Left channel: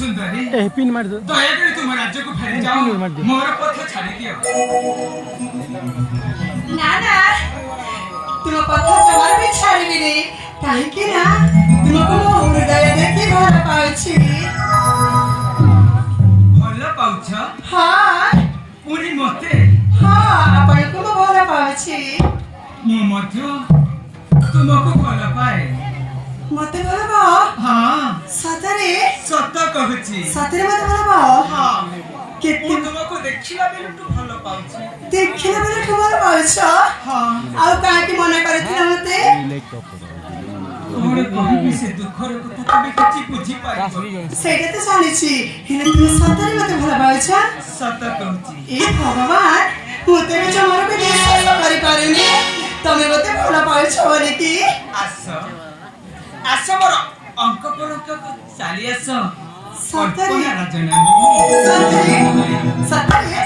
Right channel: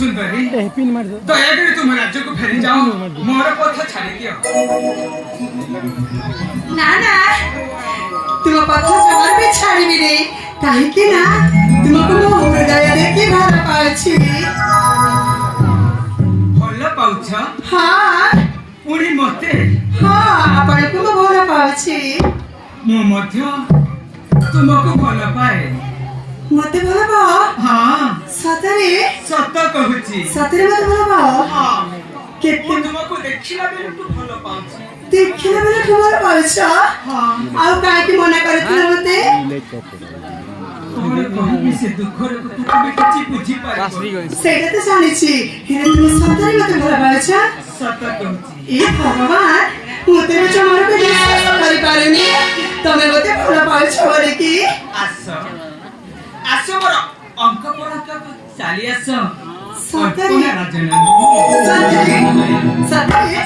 सुंदरी pin मार दो दया कर तुम राज्य को फेरी जाओ मोर पथ छाड़ी दियो ना ना तुम पथ जमार भी छाड़ी रे काहे कि ना तुमको मो हृदय देखि भल पाउछि भल पाउछ हां पुणी मते हां आपण को मो भल पाउछि मो मध्य तुमको भल पाए मते भल पाओ हां सतरे सत कहूची सतरे मते भल पाओ हां केते तुमको देखिला बेले तू भल पाउछ देखिला बेले तू भल पाउछ हां आ काहे कि मना करथिला मते कोने कहबी से दुखर कथा तमे किछि बुझी पारिबो सेटा तो जानिछि हेरे तुम सतरे मते भल पाउछ सत कहूची ए भगवान मते भी जमार को विश्वास करि पारेनी तमे मते भल पाउछ बोले कि आस आस मोर अंक परक चाली आस सतरे कल्पना राजना सतरे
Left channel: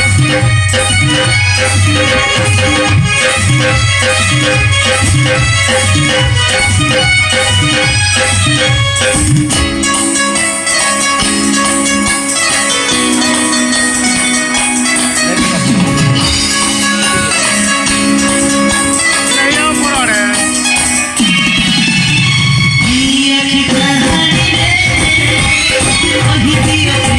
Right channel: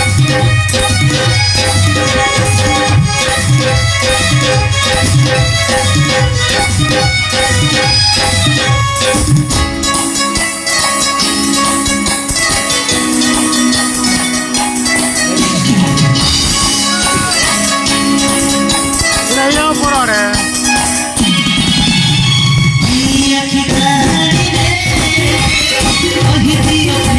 Love you, I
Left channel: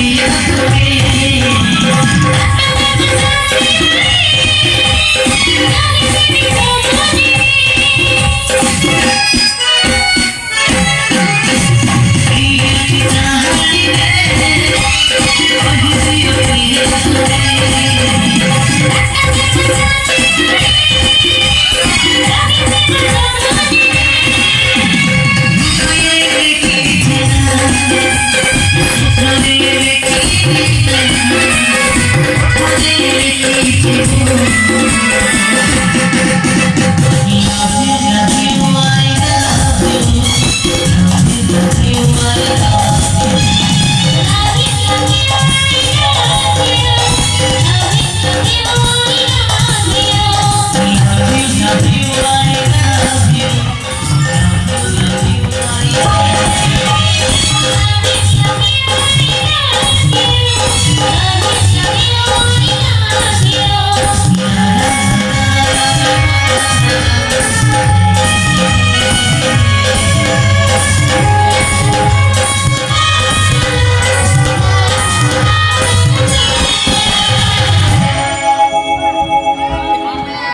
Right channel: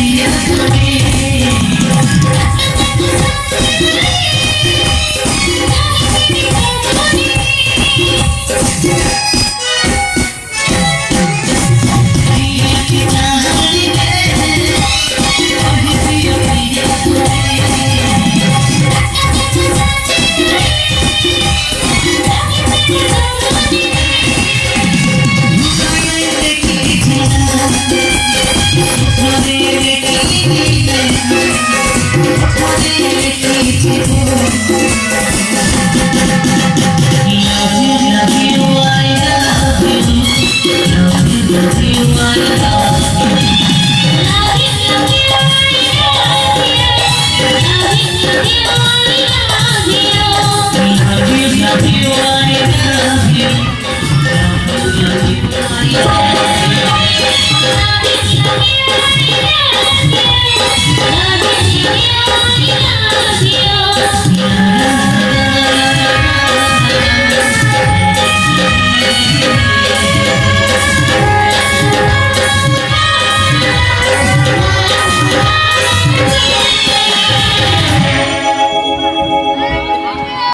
love you.